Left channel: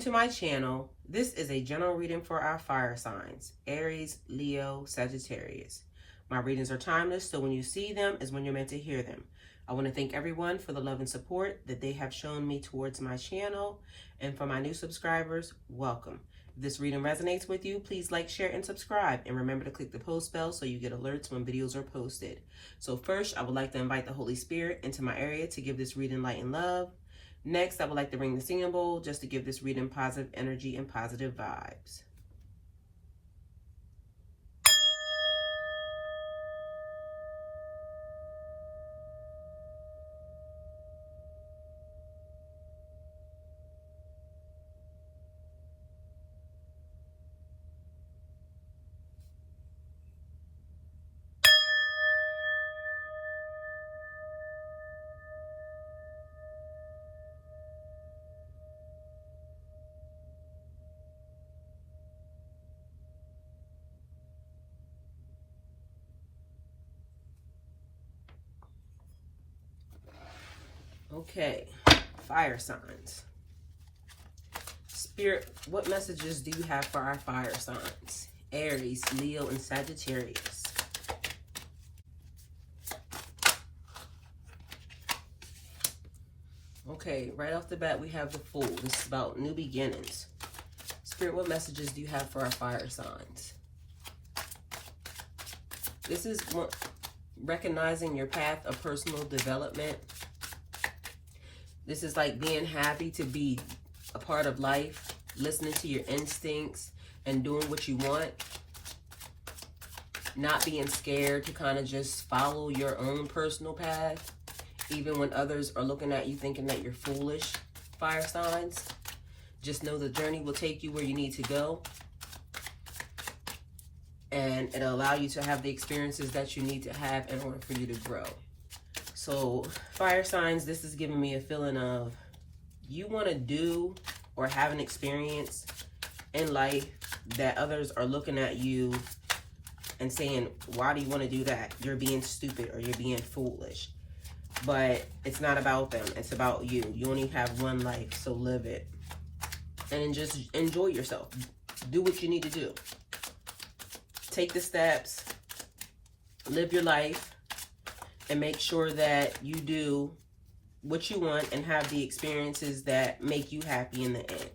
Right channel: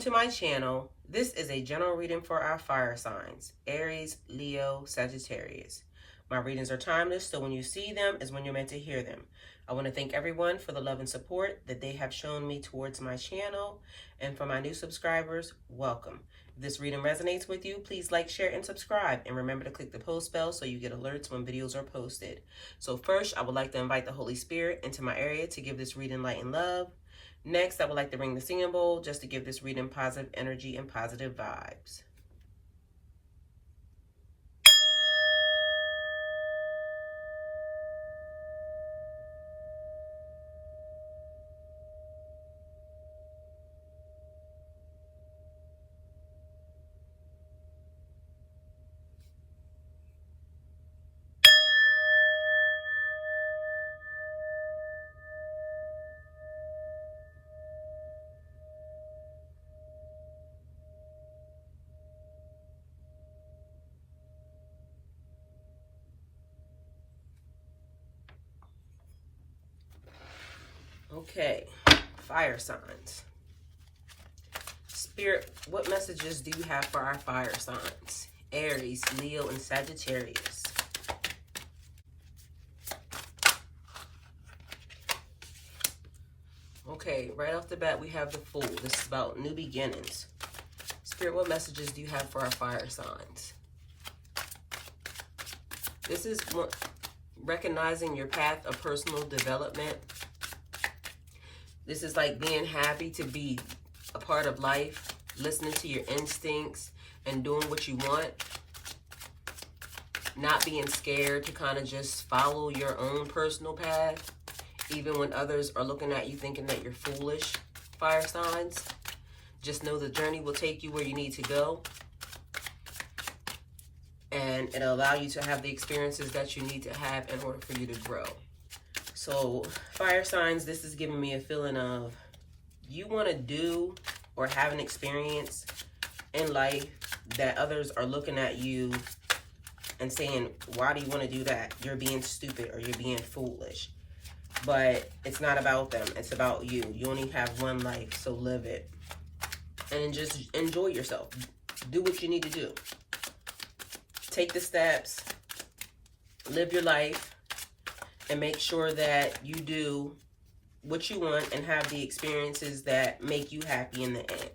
to my channel. This is a general reading for our fire signs, Aries, Leo, Sagittarius. My readings are timeless, so when you see them is when you're meant to hear them. I want to thank everyone for the love and support that they have shown me towards my channel. And for my new subscribers, welcome. If this reading resonates with you, please like, share, and subscribe. And remember to click the post bell so you get alerts when videos are posted. So first, I would like to invite the Holy Spirit into my area to give this reading light and love. Next, I would like to ring the singing bowl just to give this reading positive energy and positive vibes. Okay, fire signs. Spirit, what messages do you have for our fire signs? Aries, Leo, and Sagittarius. Okay, right off the bat, we have the Fool. This is about new beginnings. Spirit, what messages do you have for our fire signs? This is recognizing your path of personal development. This is like being happy to be a part of life, listening to your instincts and doing what you want. Not being scared to kind of just follow your own personal path, even when others are looking at you thinking that you're foolish, fire signs. Just know the journey will take you where you need to go. And it'll allow you to have the experiences that you need to have in order for you to grow. So fire signs, this is giving me a feeling of you want to do or have an experience in life that others are looking at you and saying, why do you want to do that? You're being stupid or you're being foolish. But it's not about them. It's about you. You only have one life, so live it. And just enjoy yourself. Do what you need to do. Take the steps. Live your life. And make sure that you do what you want and have the experiences that make you happy in the end.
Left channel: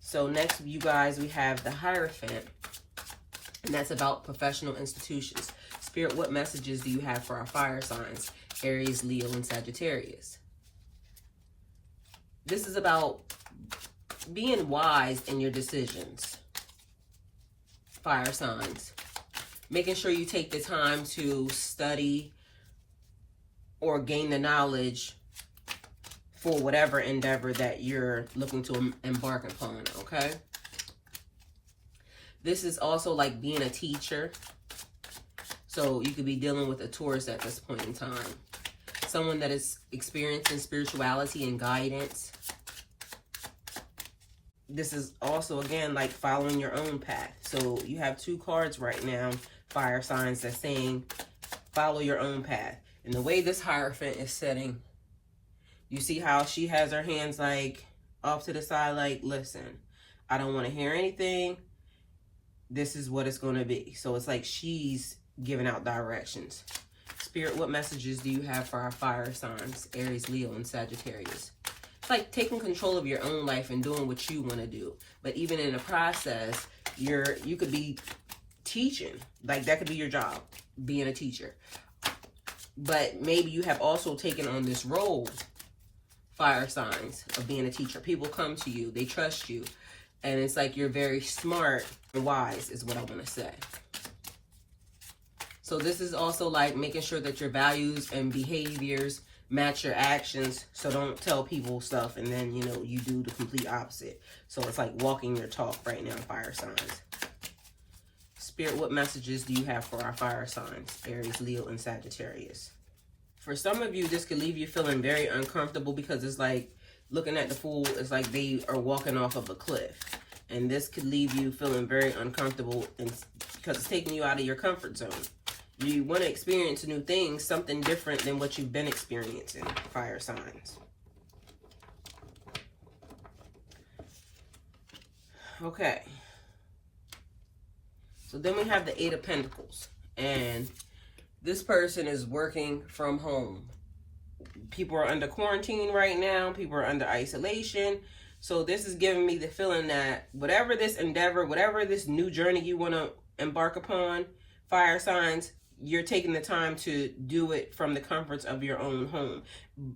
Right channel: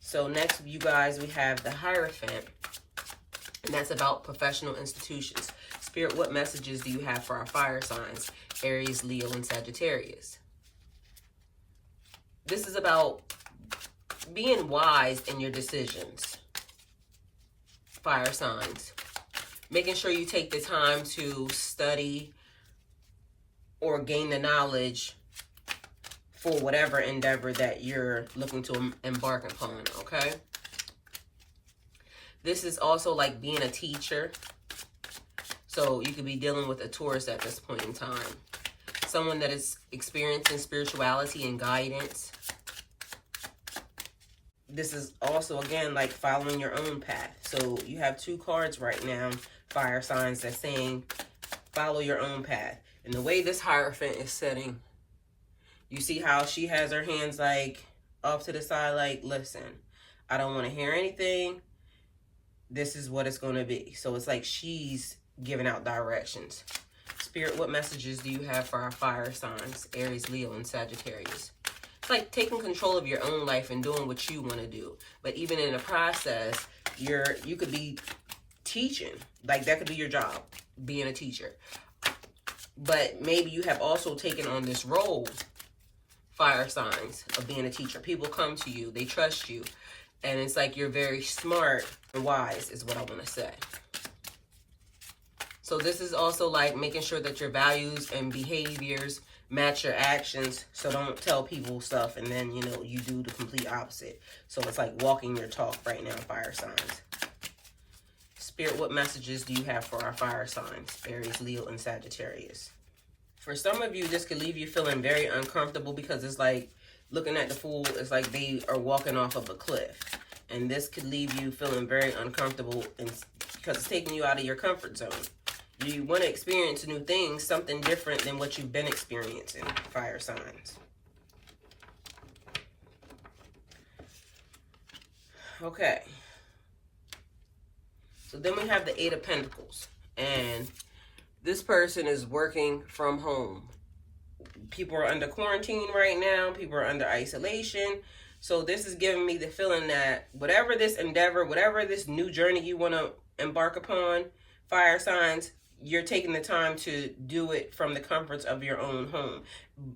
So next, you guys, we have the Hierophant. And that's about professional institutions. Spirit, what messages do you have for our fire signs? Aries, Leo, and Sagittarius. This is about being wise in your decisions. Fire signs. Making sure you take the time to study or gain the knowledge for whatever endeavor that you're looking to embark upon, okay? This is also like being a teacher. So you could be dealing with a Taurus at this point in time. Someone that is experiencing spirituality and guidance. This is also, again, like following your own path. So you have two cards right now, fire signs, that's saying follow your own path. And the way this Hierophant is sitting, you see how she has her hands like off to the side, like, listen, I don't want to hear anything. This is what it's going to be. So it's like she's giving out directions. Spirit, what messages do you have for our fire signs? Aries, Leo, and Sagittarius. It's like taking control of your own life and doing what you want to do. But even in the process, you could be teaching. Like that could be your job, being a teacher. But maybe you have also taken on this role, fire signs, of being a teacher. People come to you, they trust you. And it's like you're very smart and wise is what I want to say. So this is also like making sure that your values and behaviors match your actions. So don't tell people stuff and then, you do the complete opposite. So it's like walking your talk right now, fire signs. Spirit, what messages do you have for our fire signs? Aries, Leo, and Sagittarius. For some of you, this could leave you feeling very uncomfortable because it's like looking at the Fool, it's like they are walking off of a cliff. And this could leave you feeling very uncomfortable because it's taking you out of your comfort zone. You want to experience new things, something different than what you've been experiencing, fire signs. Okay. So then we have the Eight of Pentacles. And this person is working from home. People are under quarantine right now. People are under isolation. So this is giving me the feeling that whatever this endeavor, whatever this new journey you want to embark upon, fire signs, you're taking the time to do it from the comforts of your own home.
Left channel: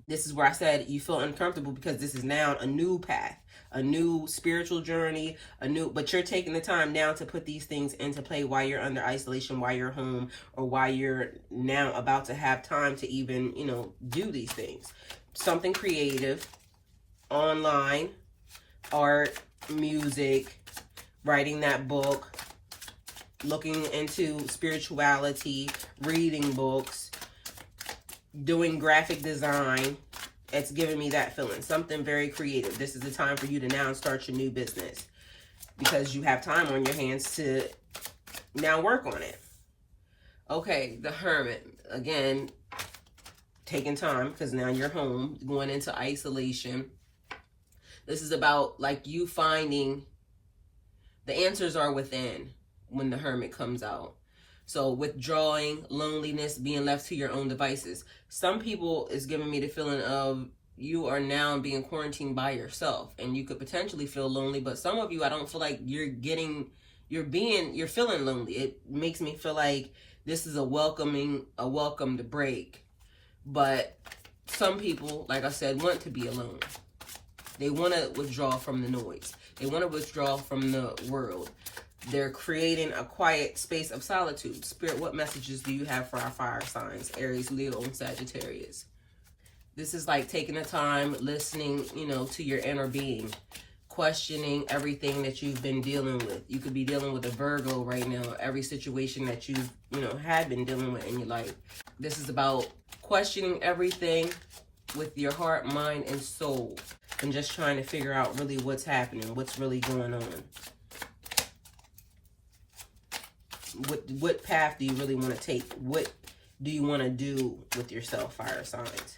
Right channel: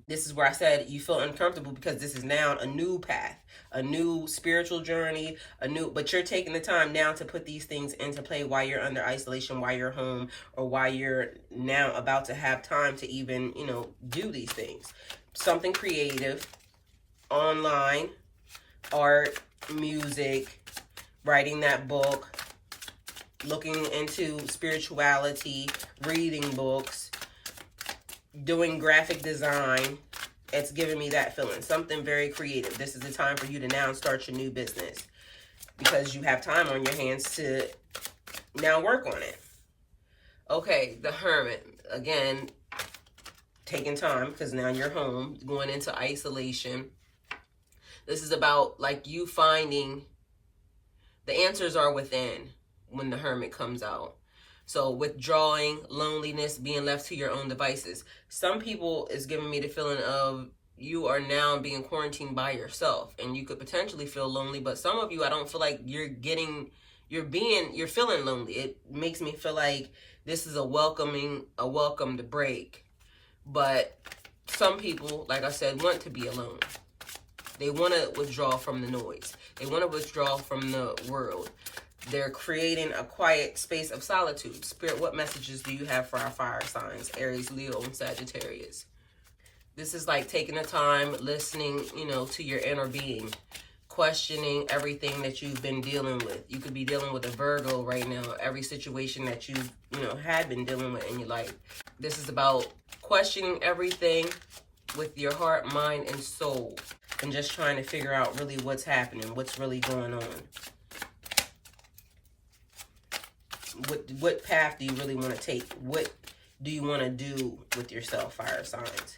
This is where I said you feel uncomfortable because this is now a new path, a new spiritual journey, but you're taking the time now to put these things into play while you're under isolation, while you're home, or while you're now about to have time to even, do these things. Something creative, online, art, music, writing that book, looking into spirituality, reading books, doing graphic design. It's giving me that feeling. Something very creative. This is the time for you to now start your new business because you have time on your hands to now work on it. Okay, the Hermit. Again, taking time because now you're home, going into isolation. This is about like you finding the answers are within when the Hermit comes out. So withdrawing, loneliness, being left to your own devices. Some people is giving me the feeling of you are now being quarantined by yourself and you could potentially feel lonely, but some of you, I don't feel like you're feeling lonely. It makes me feel like this is a welcomed break. But some people, like I said, want to be alone. They want to withdraw from the noise. They want to withdraw from the world. They're creating a quiet space of solitude. Spirit, what messages do you have for our fire signs? Aries, Leo, and Sagittarius. This is like taking the time, listening, to your inner being. Questioning everything that you've been dealing with. You could be dealing with a Virgo right now. Every situation that you had been dealing with in your life. This is about questioning everything with your heart, mind, and soul. And just trying to figure out really what's happening. What's really going on. What path do you really want to take? What do you want to do with yourself, fire signs?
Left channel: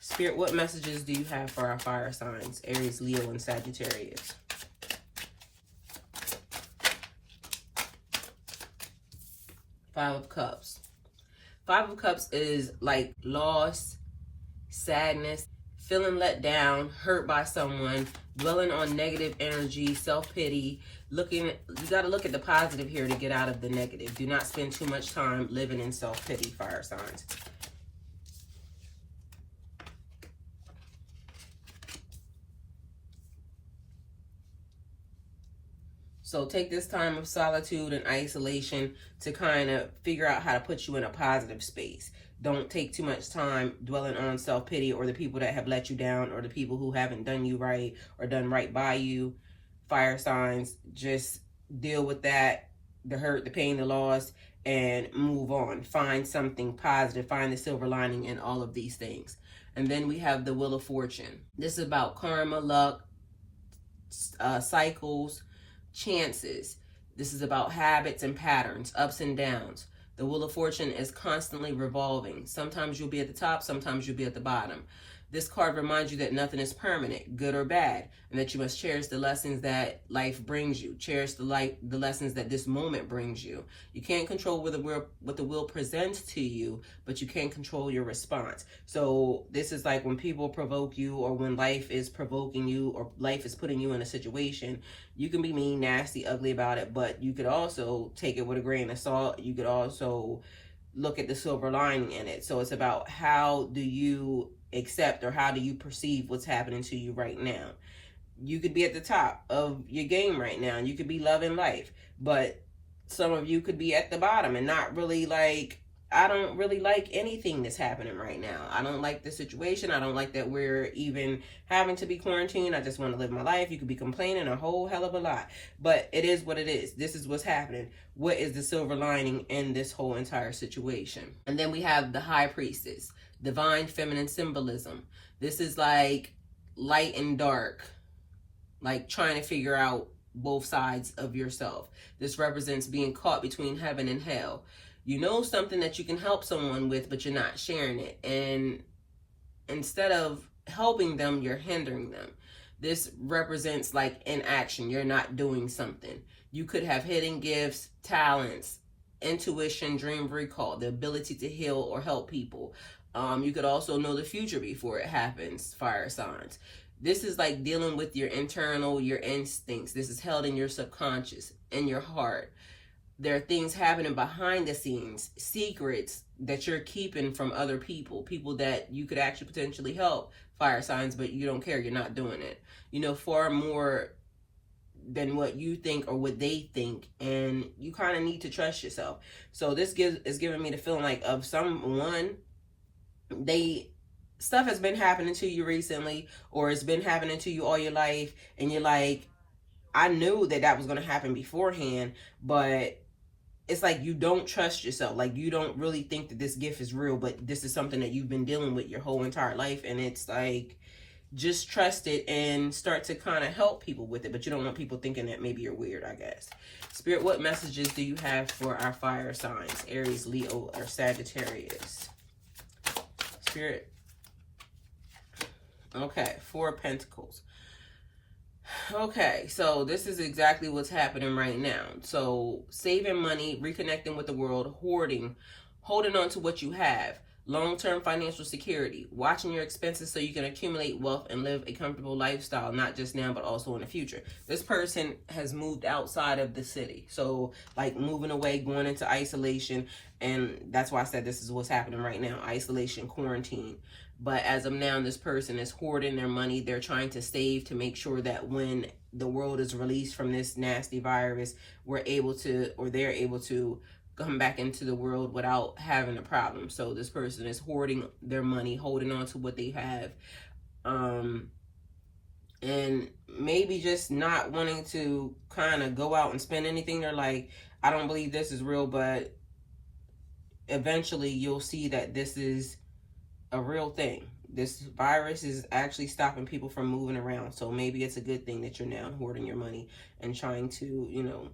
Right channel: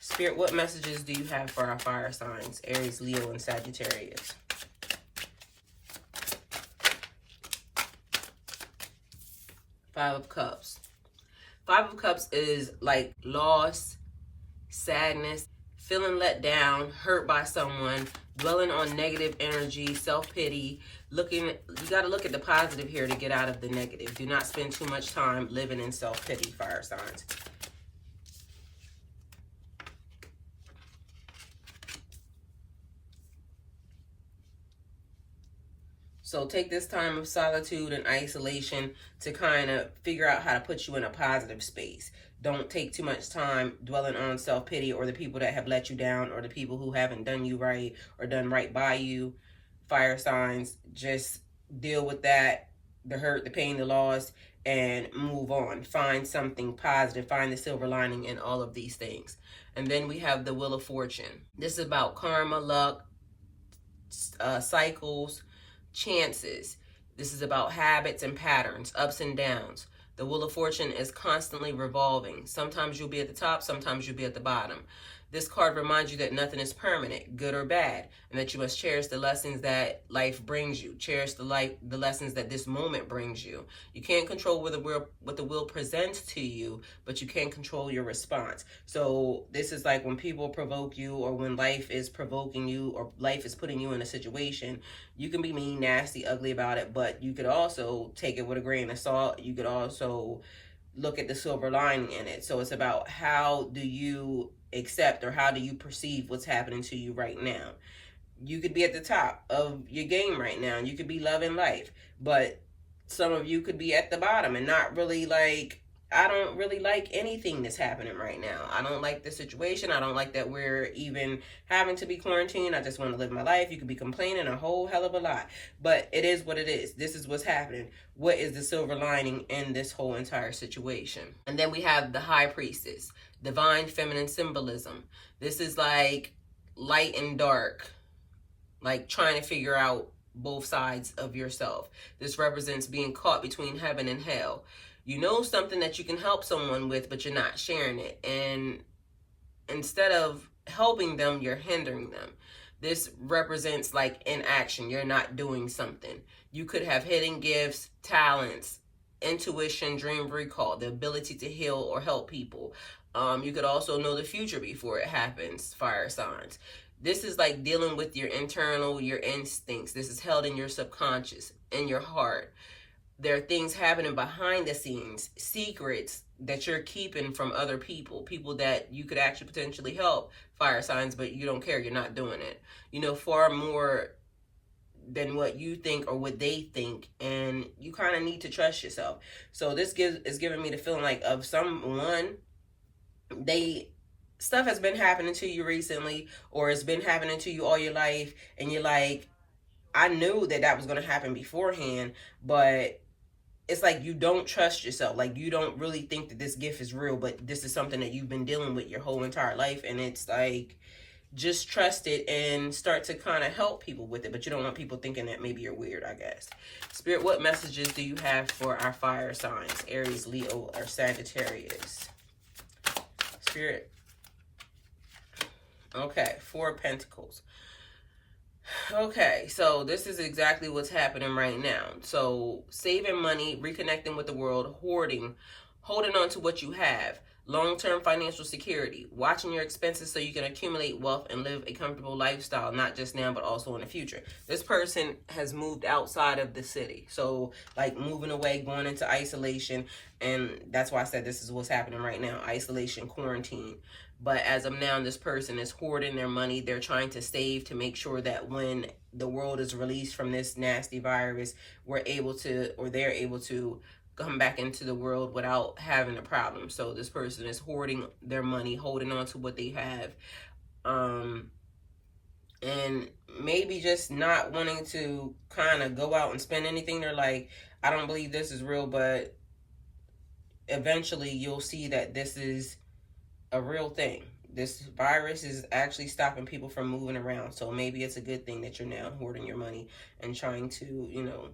Spirit, what messages do you have for our fire signs? Aries, Leo, and Sagittarius. Five of Cups. Five of Cups is like loss, sadness, feeling let down, hurt by someone, dwelling on negative energy, self-pity. You got to look at the positive here to get out of the negative. Do not spend too much time living in self-pity, fire signs. So take this time of solitude and isolation to kind of figure out how to put you in a positive space. Don't take too much time dwelling on self-pity or the people that have let you down or the people who haven't done you right or done right by you. Fire signs, just deal with that, the hurt, the pain, the loss, and move on. Find something positive. Find the silver lining in all of these things. And then we have the Wheel of Fortune. This is about karma, luck, cycles, chances. This is about habits and patterns, ups and downs. The Wheel of Fortune is constantly revolving. Sometimes you'll be at the top, sometimes you'll be at the bottom. This card reminds you that nothing is permanent, good or bad, and that you must cherish the lessons that life brings you. Cherish the lessons that this moment brings you. You can't control what the will presents to you, but you can control your response. So this is like when people provoke you or when life is provoking you or life is putting you in a situation, you can be mean, nasty, ugly about it, but you could also take it with a grain of salt. You could also look at the silver lining in it. So it's about how do you accept or how do you perceive what's happening to you right now. You could be at the top of your game right now. You could be loving life, but some of you could be at the bottom and not really I don't really like anything that's happening right now. I don't like the situation. I don't like that we're even having to be quarantined. I just want to live my life. You could be complaining a whole hell of a lot, but it is what it is. This is what's happening. What is the silver lining in this whole entire situation? And then we have the High Priestess, divine feminine symbolism. This is like light and dark, like trying to figure out both sides of yourself. This represents being caught between heaven and hell. You know something that you can help someone with, but you're not sharing it. And instead of helping them, you're hindering them. This represents like inaction. You're not doing something. You could have hidden gifts, talents, intuition, dream recall, the ability to heal or help people. You could also know the future before it happens, fire signs. This is like dealing with your internal, your instincts. This is held in your subconscious, in your heart. There are things happening behind the scenes, secrets that you're keeping from other people, people that you could actually potentially help, fire signs, but you don't care, you're not doing it. You know, far more than what you think or what they think, and you kind of need to trust yourself. So this is giving me the feeling like of someone, stuff has been happening to you recently, or it's been happening to you all your life, and you're like, I knew that was going to happen beforehand, but it's like you don't trust yourself. Like you don't really think that this gift is real, but this is something that you've been dealing with your whole entire life. And it's like, just trust it and start to kind of help people with it. But you don't want people thinking that maybe you're weird, I guess. Spirit, what messages do you have for our fire signs? Aries, Leo, or Sagittarius? Spirit. Okay, 4 of Pentacles. Okay, so this is exactly what's happening right now. So saving money, reconnecting with the world, hoarding, holding on to what you have, long-term financial security, watching your expenses so you can accumulate wealth and live a comfortable lifestyle, not just now, but also in the future. This person has moved outside of the city. So like moving away, going into isolation. And that's why I said this is what's happening right now. Isolation, quarantine. But as of now, this person is hoarding their money. They're trying to save to make sure that when the world is released from this nasty virus, they're able to come back into the world without having a problem. So this person is hoarding their money, holding on to what they have. And maybe just not wanting to kind of go out and spend anything. They're like, I don't believe this is real, but eventually you'll see that this is a real thing. This virus is actually stopping people from moving around. So maybe it's a good thing that you're now hoarding your money and trying to, you know,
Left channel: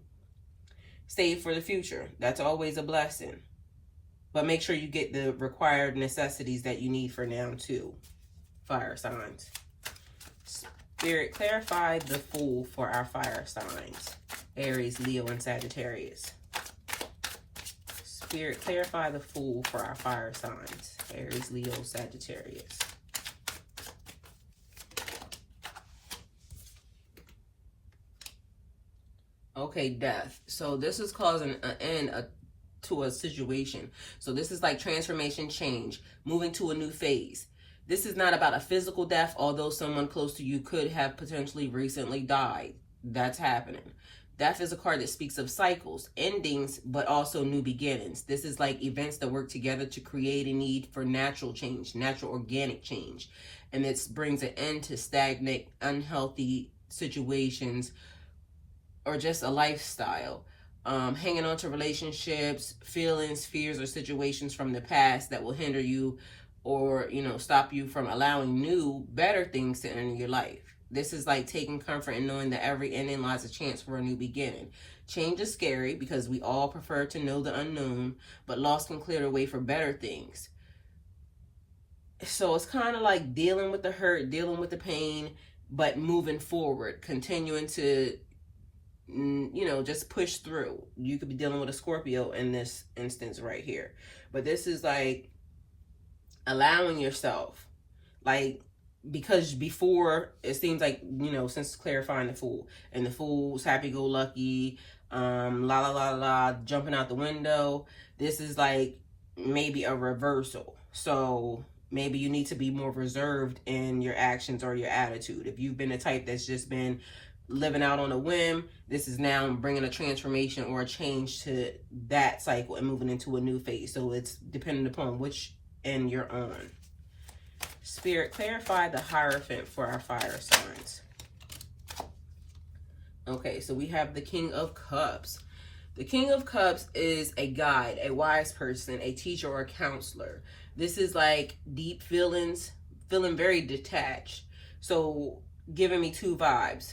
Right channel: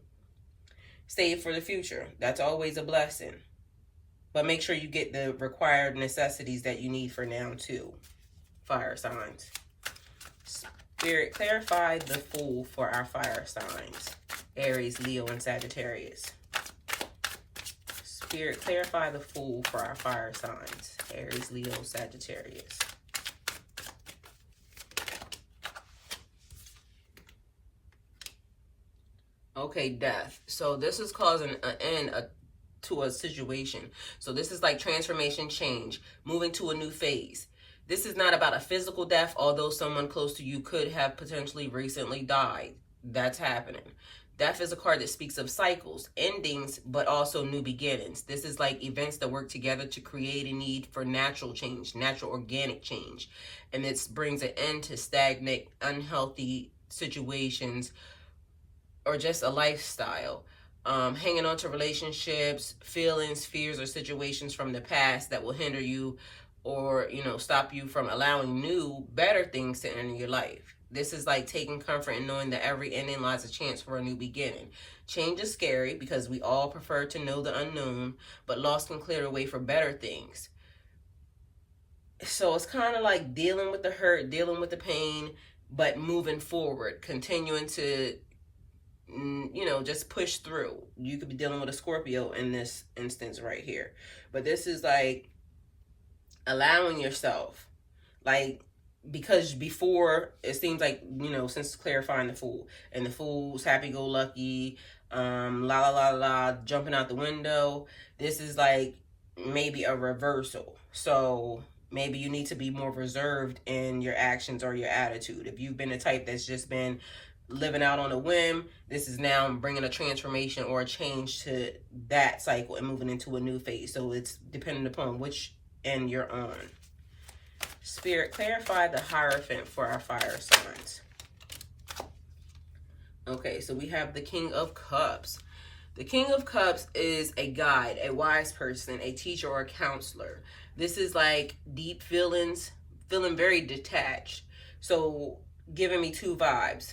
save for the future. That's always a blessing. But make sure you get the required necessities that you need for now too, fire signs. Spirit, clarify the Fool for our fire signs. Aries, Leo, and Sagittarius. Spirit, clarify the Fool for our fire signs. Aries, Leo, Sagittarius. Okay, death. So this is causing an end to a situation. So this is like transformation, change, moving to a new phase. This is not about a physical death, although someone close to you could have potentially recently died. That's happening. Death is a card that speaks of cycles, endings, but also new beginnings. This is like events that work together to create a need for natural change, natural organic change. And this brings an end to stagnant, unhealthy situations or just a lifestyle. Hanging on to relationships, feelings, fears, or situations from the past that will hinder you or, you know, stop you from allowing new, better things to enter your life. This is like taking comfort in knowing that every ending lies a chance for a new beginning. Change is scary because we all prefer to know the unknown, but loss can clear the way for better things. So it's kind of like dealing with the hurt, dealing with the pain, but moving forward, continuing to, you know, just push through. You could be dealing with a Scorpio in this instance right here. But this is like allowing yourself, like, because before it seems like, you know, since clarifying the Fool, and the Fool's happy-go-lucky, la la la la, jumping out the window. This is like maybe a reversal. So maybe you need to be more reserved in your actions or your attitude. If you've been the type that's just been living out on a whim, this is now bringing a transformation or a change to that cycle and moving into a new phase. So it's dependent upon which end you're on. Spirit, clarify the Hierophant for our fire signs. Okay, so we have the King of Cups. The King of Cups is a guide, a wise person, a teacher, or a counselor. This is like deep feelings, feeling very detached. So giving me 2 vibes.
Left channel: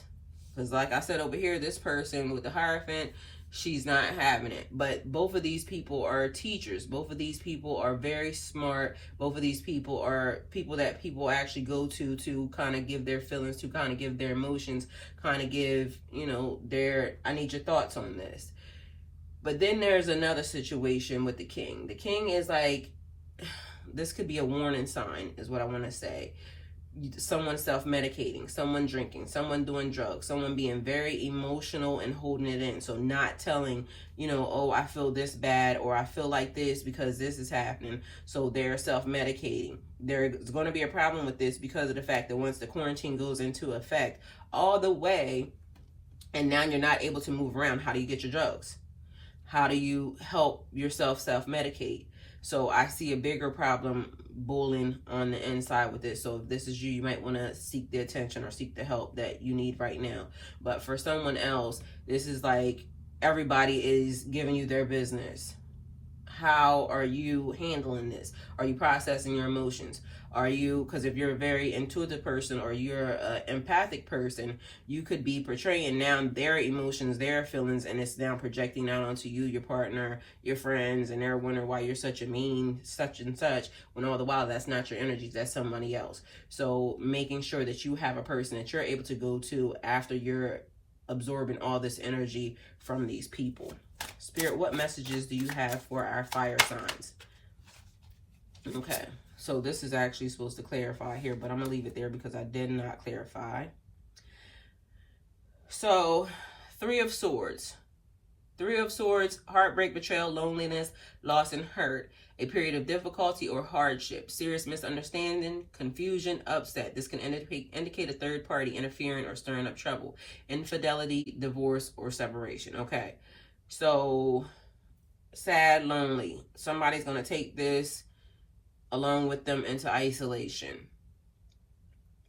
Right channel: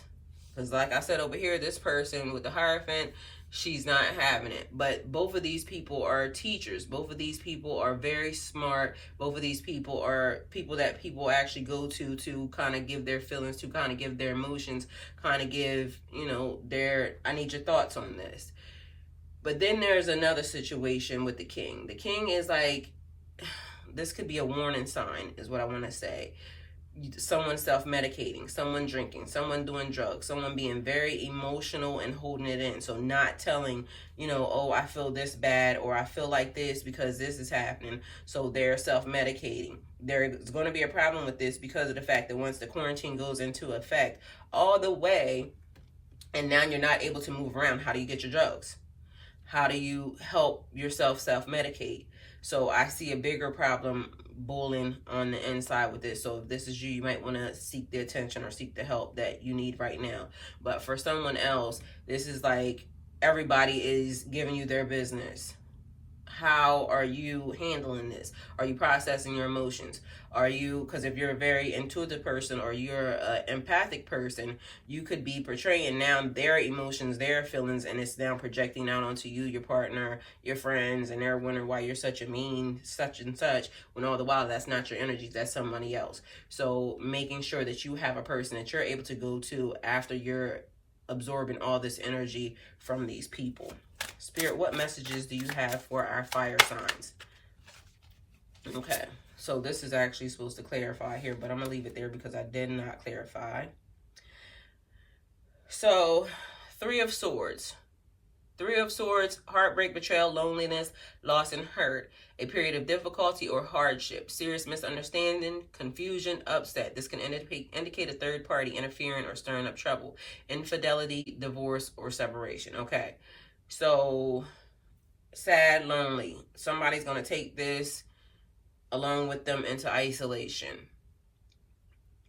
Because like I said over here, this person with the Hierophant, she's not having it. But both of these people are teachers. Both of these people are very smart. Both of these people are people that people actually go to kind of give their feelings, to kind of give their emotions, kind of give, you know, their, I need your thoughts on this. But then there's another situation with the king. The king is like, this could be a warning sign, is what I want to say. Someone self-medicating, someone drinking, someone doing drugs, someone being very emotional and holding it in. So not telling, you know, oh, I feel this bad, or I feel like this because this is happening. So they're self-medicating. There's going to be a problem with this because of the fact that once the quarantine goes into effect all the way, and now you're not able to move around, how do you get your drugs? How do you help yourself self-medicate? So I see a bigger problem bullying on the inside with this. So if this is you, you might want to seek the attention or seek the help that you need right now. But for someone else, this is like everybody is giving you their business. How are you handling this? Are you processing your emotions? Are you, because if you're a very intuitive person or you're an empathic person, you could be portraying now their emotions, their feelings, and it's now projecting out onto you, your partner, your friends, and they're wondering why you're such a mean such and such, when all the while that's not your energy, that's somebody else. So making sure that you have a person that you're able to go to after you're absorbing all this energy from these people. Spirit, what messages do you have for our fire signs? Okay. So this is actually supposed to clarify here, but I'm going to leave it there because I did not clarify. So, Three of Swords. Three of Swords, heartbreak, betrayal, loneliness, loss, and hurt. A period of difficulty or hardship, serious misunderstanding, confusion, upset. This can indicate a third party interfering or stirring up trouble. Infidelity, divorce, or separation. Okay. So, sad, lonely. Somebody's going to take this along with them into isolation,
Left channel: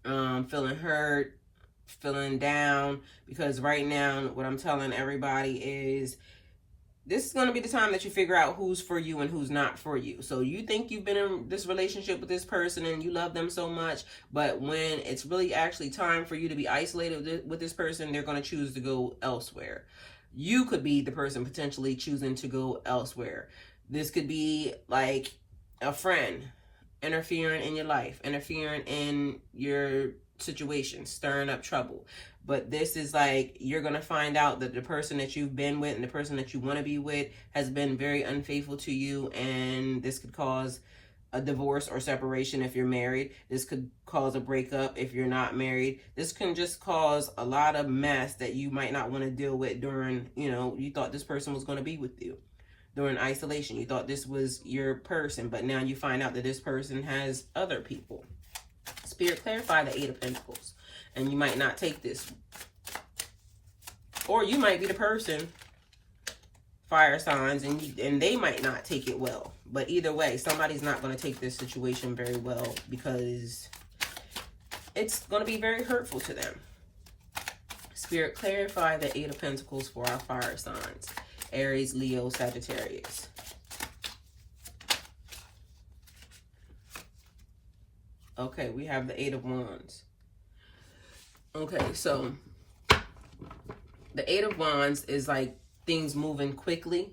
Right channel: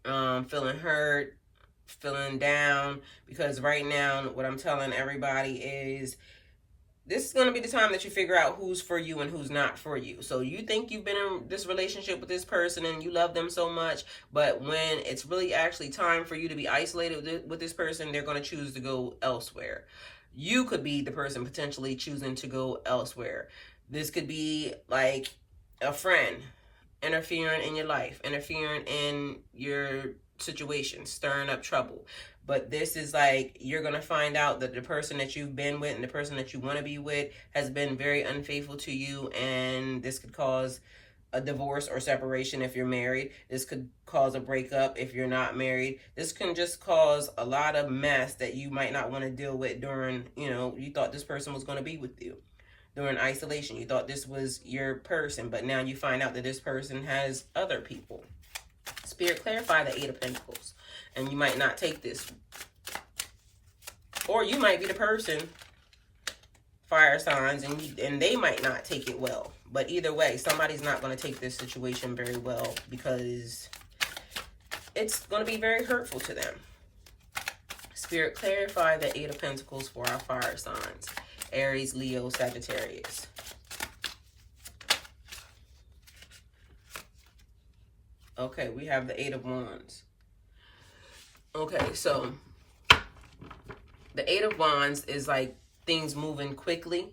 feeling hurt, feeling down, because right now what I'm telling everybody is this is going to be the time that you figure out who's for you and who's not for you. So you think you've been in this relationship with this person and you love them so much, but when it's really actually time for you to be isolated with this person, they're going to choose to go elsewhere. You could be the person potentially choosing to go elsewhere. This could be like a friend interfering in your life, interfering in your situation, stirring up trouble. But this is like, you're going to find out that the person that you've been with and the person that you want to be with has been very unfaithful to you, and this could cause a divorce or separation if you're married. This could cause a breakup if you're not married. This can just cause a lot of mess that you might not want to deal with during, you know, you thought this person was going to be with you. During isolation, you thought this was your person, but now you find out that this person has other people. Spirit, clarify the Eight of Pentacles. And you might not take this. Or you might be the person, fire signs, and they might not take it well. But either way, somebody's not going to take this situation very well because it's going to be very hurtful to them. Spirit, clarify the Eight of Pentacles for our fire signs. Aries, Leo, Sagittarius. Okay, we have the Eight of Wands. Okay, so the Eight of Wands is like things moving quickly.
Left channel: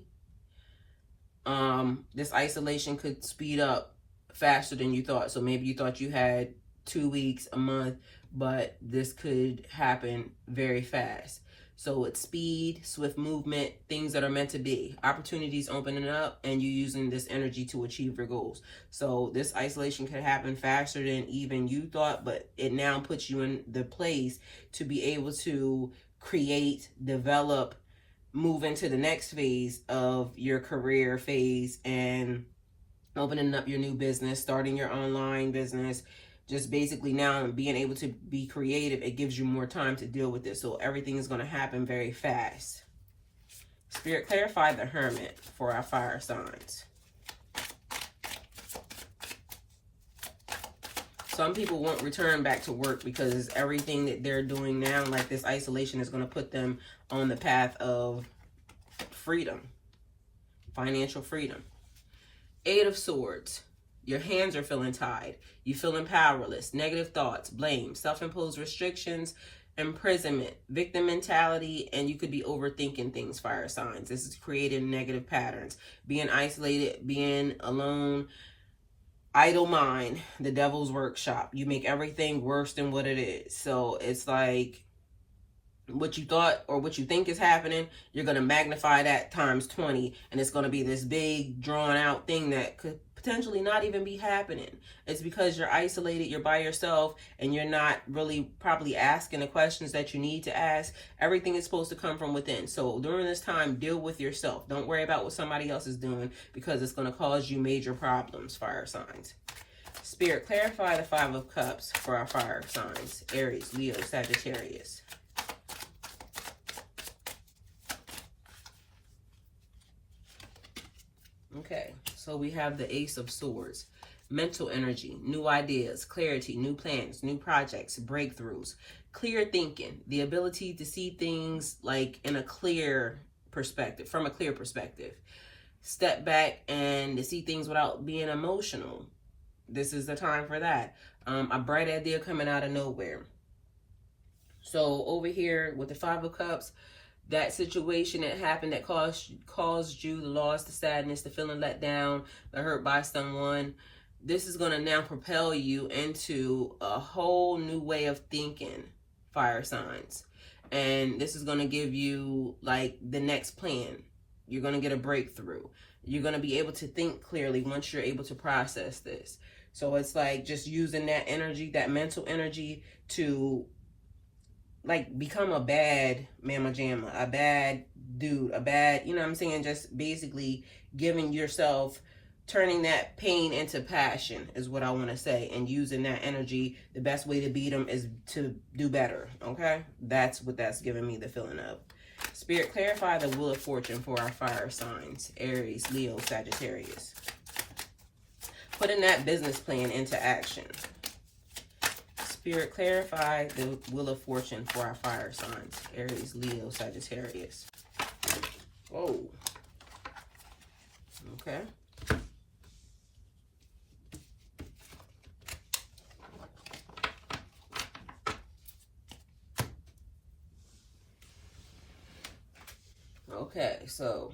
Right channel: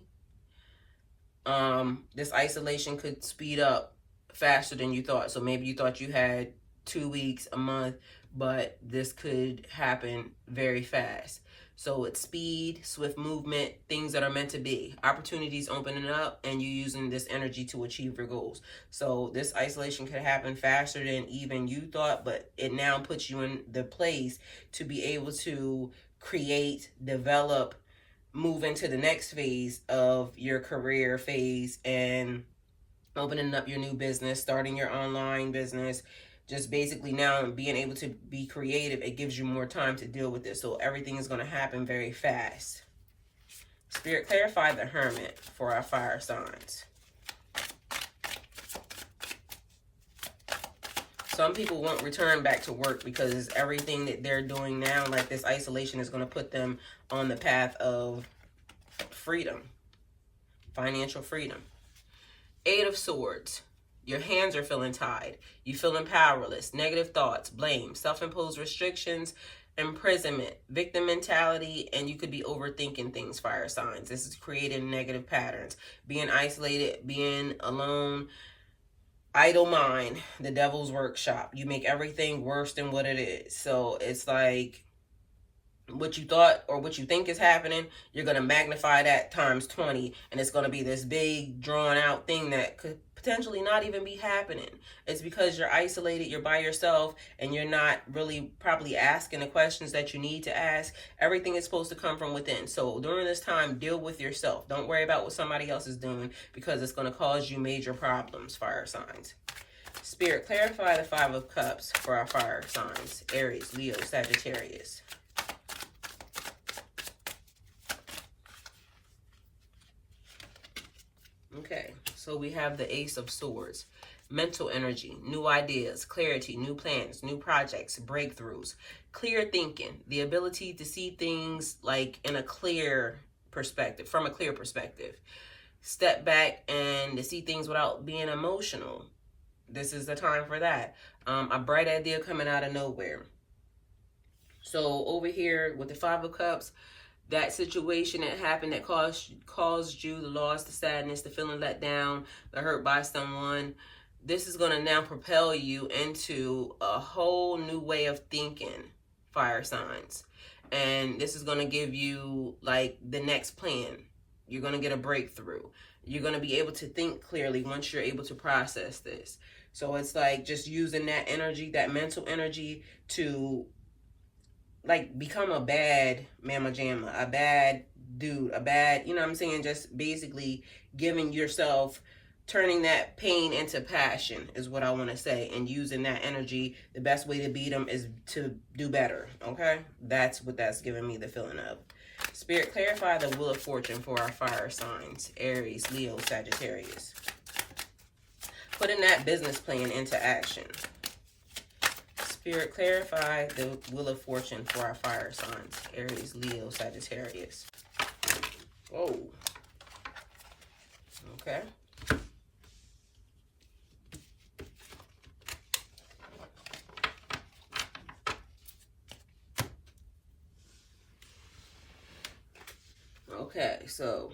This isolation could speed up faster than you thought. So maybe you thought you had 2 weeks, a month, but this could happen very fast. So it's speed, swift movement, things that are meant to be. Opportunities opening up and you using this energy to achieve your goals. So this isolation could happen faster than even you thought, but it now puts you in the place to be able to create, develop, move into the next phase of your career phase and opening up your new business, starting your online business. Just basically now being able to be creative, it gives you more time to deal with this. So everything is going to happen very fast. Spirit, clarify the Hermit for our fire signs. Some people won't return back to work because everything that they're doing now, like this isolation, is going to put them on the path of freedom, financial freedom. Eight of Swords. Your hands are feeling tied. You feeling powerless. Negative thoughts, blame, self-imposed restrictions, imprisonment, victim mentality, and you could be overthinking things, fire signs. This is creating negative patterns, being isolated, being alone, idle mind, the devil's workshop. You make everything worse than what it is. So it's like what you thought or what you think is happening, you're going to magnify that times 20, and it's going to be this big drawn out thing that could potentially not even be happening. It's because you're isolated, you're by yourself, and you're not really probably asking the questions that you need to ask. Everything is supposed to come from within. So during this time, deal with yourself. Don't worry about what somebody else is doing, because it's going to cause you major problems, fire signs. Spirit, clarify the Five of Cups for our fire signs: Aries, Leo, Sagittarius. Okay, so we have the Ace of Swords. Mental energy, new ideas, clarity, new plans, new projects, breakthroughs, clear thinking, the ability to see things like in a clear perspective, from a clear perspective. Step back and to see things without being emotional. This is the time for that. A bright idea coming out of nowhere. So over here with the Five of Cups, that situation that happened that caused you the loss, the sadness, the feeling let down, the hurt by someone, this is going to now propel you into a whole new way of thinking, fire signs. And this is going to give you like the next plan. You're going to get a breakthrough. You're going to be able to think clearly once you're able to process this. So it's like just using that energy, that mental energy, to like become a bad mama jamma, a bad dude, a bad, you know what I'm saying? Just basically giving yourself, turning that pain into passion is what I want to say, and using that energy. The best way to beat them is to do better, okay? That's what that's giving me the feeling of. Spirit, clarify the Wheel of Fortune for our fire signs: Aries, Leo, Sagittarius. Putting that business plan into action. Spirit, clarify the Wheel of Fortune for our fire signs: Aries, Leo, Sagittarius. Whoa. Okay. Okay, so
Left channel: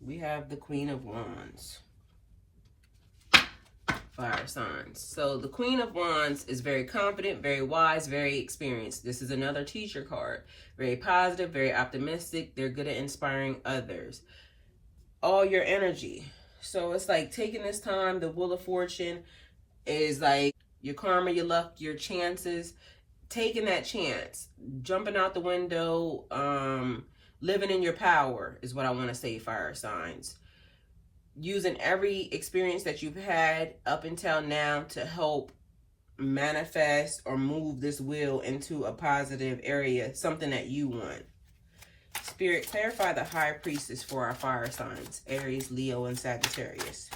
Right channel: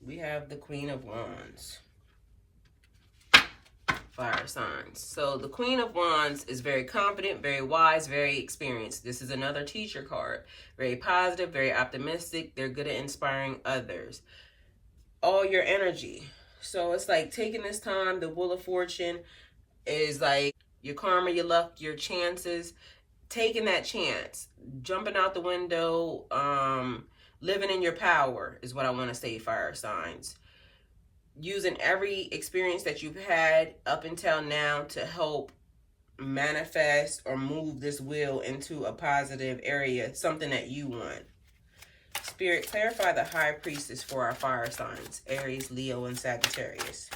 we have the Queen of Wands. Fire signs. So the Queen of Wands is very confident, very wise, very experienced. This is another teacher card. Very positive, very optimistic. They're good at inspiring others. All your energy. So it's like taking this time, the Wheel of Fortune is like your karma, your luck, your chances. Taking that chance, jumping out the window, living in your power is what I want to say, fire signs. Using every experience that you've had up until now to help manifest or move this wheel into a positive area, something that you want. Spirit, clarify the High Priestess for our fire signs: Aries, Leo, and Sagittarius.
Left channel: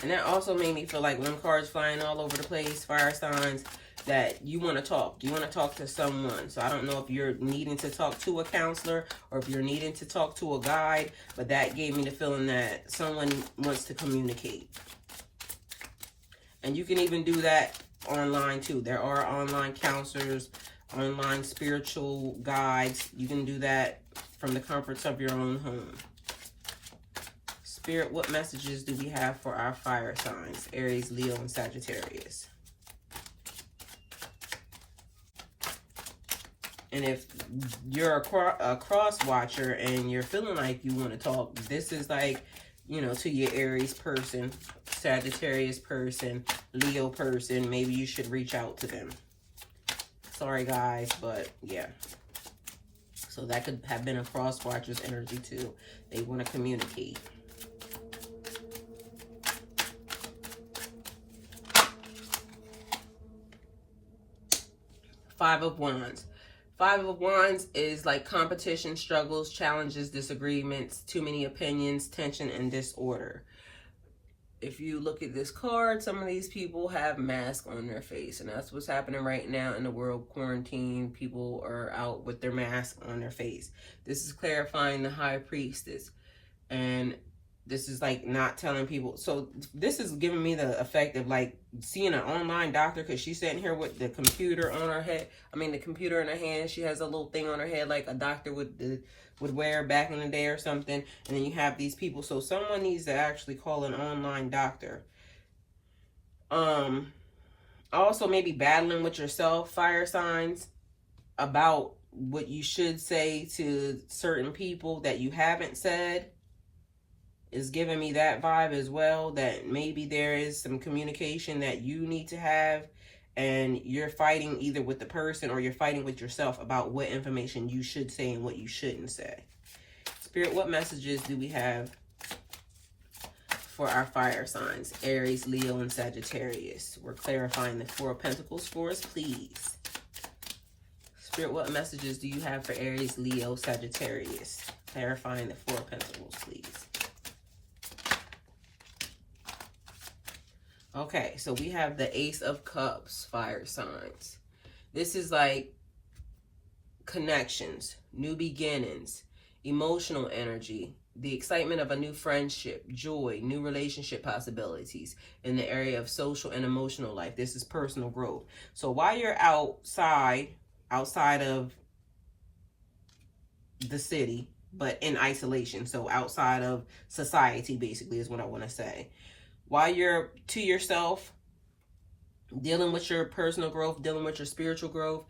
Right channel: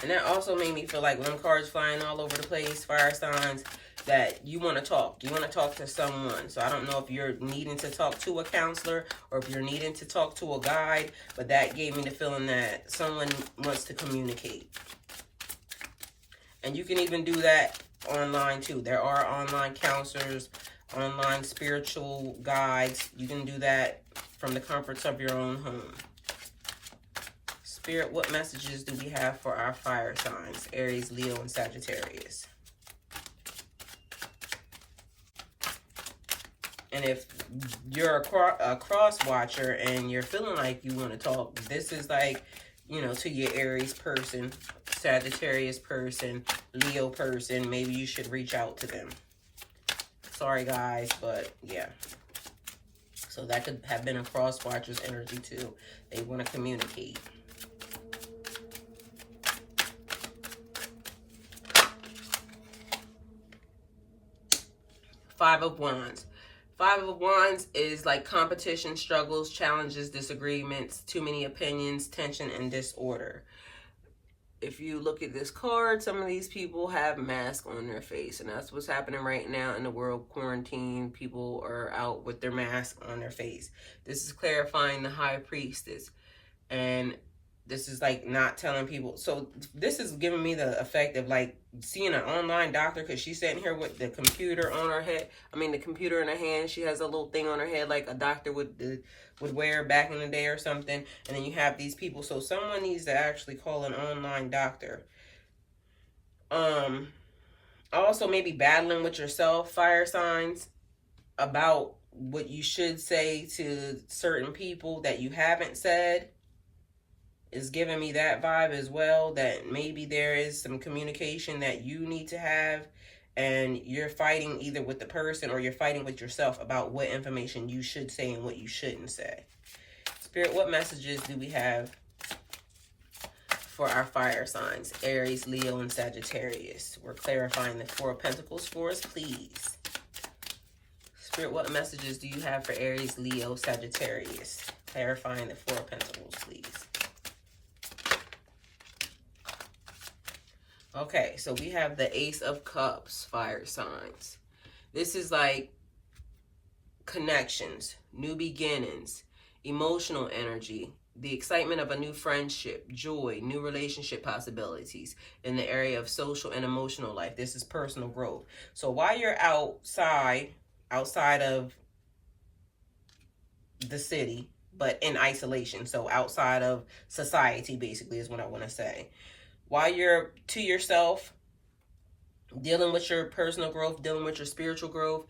And that also made me feel like when cards flying all over the place, fire signs, that you want to talk. You want to talk to someone. So I don't know if you're needing to talk to a counselor or if you're needing to talk to a guide, but that gave me the feeling that someone wants to communicate. And you can even do that online too. There are online counselors, online spiritual guides. You can do that from the comforts of your own home. Spirit, what messages do we have for our fire signs: Aries, Leo, and Sagittarius? And if you're a cross watcher and you're feeling like you want to talk, this is like, you know, to your Aries person, Sagittarius person, Leo person, maybe you should reach out to them. Sorry, guys, but yeah. So that could have been a cross watcher's energy too. They want to communicate. Five of Wands. Five of Wands is like competition, struggles, challenges, disagreements, too many opinions, tension, and disorder. If you look at this card, some of these people have masks on their face, and that's what's happening right now in the world. Quarantine, people are out with their mask on their face. This is clarifying the High Priestess. And This is like not telling people. So this is giving me the effect of like seeing an online doctor, because she's sitting here with the computer on her head. I mean, the computer in her hand. She has a little thing on her head like a doctor would wear back in the day or something. And then you have these people. So someone needs to actually call an online doctor. Also maybe battling with yourself, fire signs, about what you should say to certain people that you haven't said. Is giving me that vibe as well, that maybe there is some communication that you need to have, and you're fighting either with the person or you're fighting with yourself about what information you should say and what you shouldn't say. Spirit, what messages do we have for our fire signs? Aries, Leo, and Sagittarius. We're clarifying the Four of Pentacles for us, please. Spirit, what messages do you have for Aries, Leo, Sagittarius? Clarifying the Four of Pentacles, please. Okay, so we have the Ace of Cups, fire signs. This is like connections, new beginnings, emotional energy, the excitement of a new friendship, joy, new relationship possibilities in the area of social and emotional life. This is personal growth. So while you're outside of the city, but in isolation, so outside of society basically is what I want to say. While you're to yourself, dealing with your personal growth, dealing with your spiritual growth,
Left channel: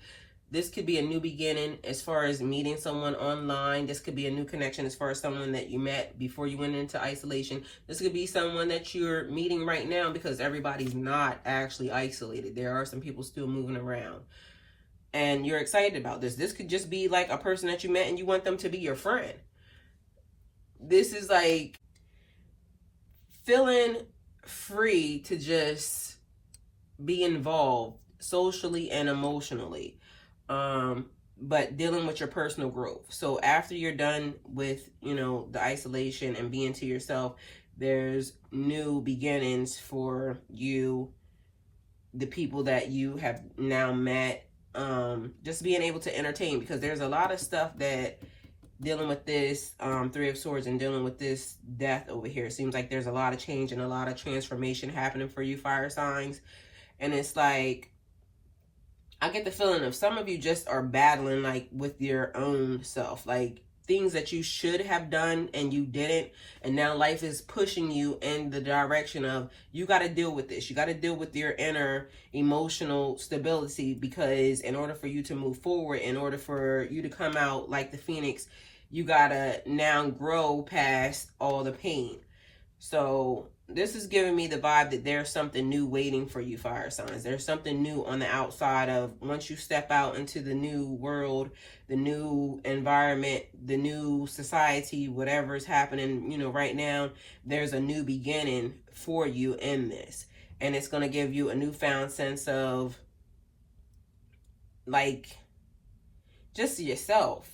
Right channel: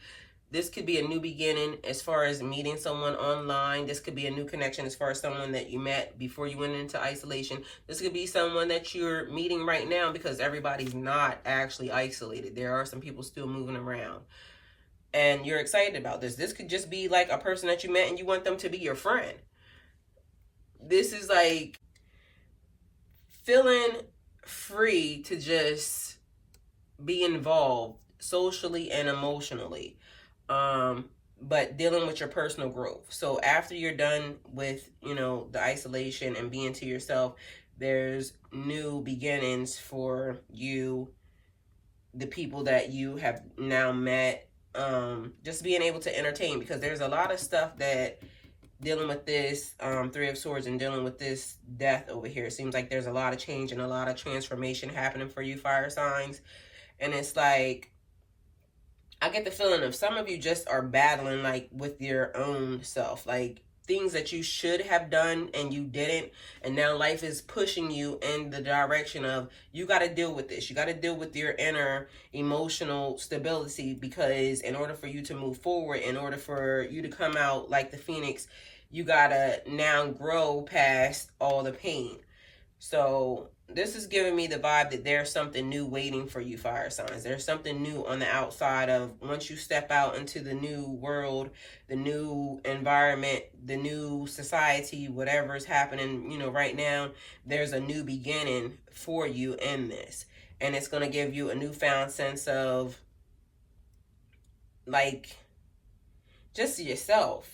this could be a new beginning as far as meeting someone online. This could be a new connection as far as someone that you met before you went into isolation. This could be someone that you're meeting right now, because everybody's not actually isolated. There are some people still moving around. And you're excited about this. This could just be like a person that you met and you want them to be your friend. This is like feeling free to just be involved socially and emotionally, but dealing with your personal growth. So after you're done with, you know, the isolation and being to yourself, there's new beginnings for you, the people that you have now met, just being able to entertain, because there's a lot of stuff that dealing with this Three of Swords and dealing with this death over here. It seems like there's a lot of change and a lot of transformation happening for you, fire signs. And it's like, I get the feeling of some of you just are battling like with your own self, like things that you should have done and you didn't. And now life is pushing you in the direction of, you got to deal with this. You got to deal with your inner emotional stability, because in order for you to move forward, in order for you to come out like the Phoenix, you got to now grow past all the pain. So this is giving me the vibe that there's something new waiting for you, fire signs. There's something new on the outside of, once you step out into the new world, the new environment, the new society, whatever is happening, you know, right now, there's a new beginning for you in this. And it's going to give you a newfound sense of like just yourself.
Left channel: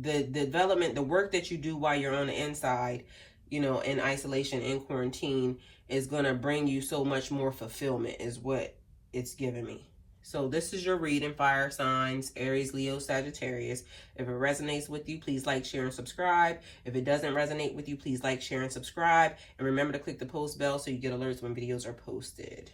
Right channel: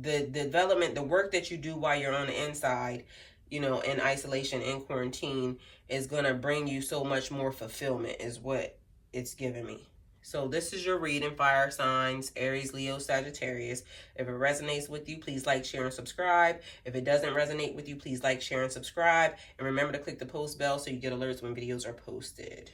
The development, the work that you do while you're on the inside, you know, in isolation, in quarantine, is going to bring you so much more fulfillment is what it's giving me. So this is your reading, fire signs, Aries, Leo, Sagittarius. If it resonates with you, please like, share, and subscribe. If it doesn't resonate with you, please like, share, and subscribe. And remember to click the post bell so you get alerts when videos are posted.